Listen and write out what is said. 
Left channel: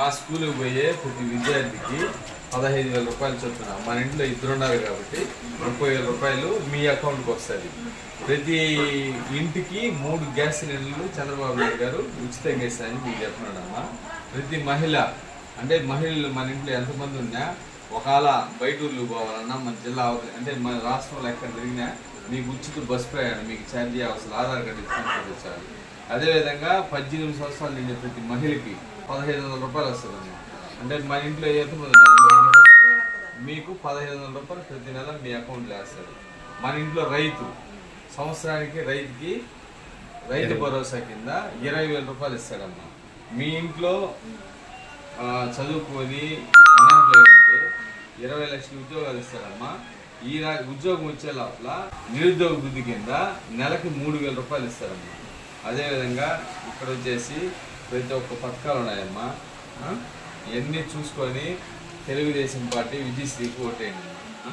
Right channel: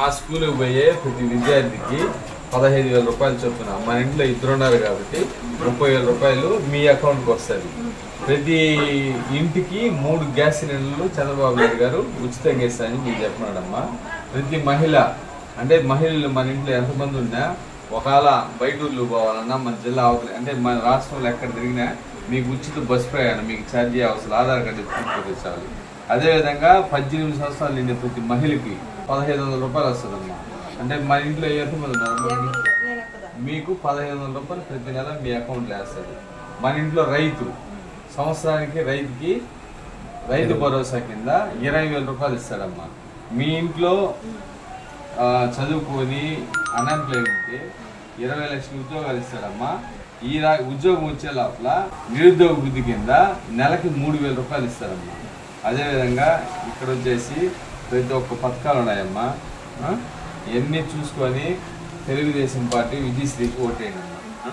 మా స్కూల్కి పోయే ప్రతి విద్యార్థికి పదహైదు వేల రూపాయలు చొప్పున. మన ఇంట్లో ఇద్దరు ఉన్నారు కాబట్టి ముప్పై వేల రూపాయలు మీ అకౌంట్కి వస్తుంది. ప్రతి ఇంటికి మూడు గ్యాస్ సిలిండర్లు చంద్రబాబు నాయుడు గారు ఉచితంగా ఇస్తారని మీకు చెప్పినాడమ్మా ప్రతి మహిళ అంటే మహిళలు మన ఇంట్లో ఎంతమంది ఉన్నా ఒకవేళ బయట ఊర్లు పోవాలన్నా మన జిల్లా అవతల అంటే మన రాష్ట్రంలో ఎక్కడ తిరిగినా మీకు ఉచిత బస్ ప్రయాణం మీకు ఛార్జీ అవసరం ఆధార్ కార్డు చూపించాలి అదేవిధంగా పద్దెనిమిది సంవత్సరాలు నిండిన ప్రతి మహిళకి పదహైదు వందల రూపాయలు వస్తుందమ్మా. అంటే మన ఇంట్లో ఎంతమంది మీకు పదహైదు వందల రూపాయలు ప్రతి నెల మీ అకౌంట్లో వేస్తారు మన ఇంట్లో రైతు సంవత్సరానికి రైతుకి రైతు భరోసా కింద ఇరవై వేల రూపాయలు ఇస్తాడమ్మా. మీ ఇంట్లో చదువుకొని అన్ఎంప్లాయ్ ఉంటే ఇరవై లక్షల ఉద్యోగాలు ఇస్తాడమ్మా. ఈ ఉద్యోగం వచ్చే లోపల నిరుద్యోగ వృద్ధి కింద నెలకి మూడు వేల రూపాయలు ఇస్తారమ్మా అదేవిధంగా ఇక్కడ వచ్చేసి ప్రతి ఒక్క పథకాలు ఉన్నాయమ్మా ఇవన్నీ చూసుకొని తెలుగుదేశం పార్టీ విజయశ్రీకి ఓటేయండి అమ్మా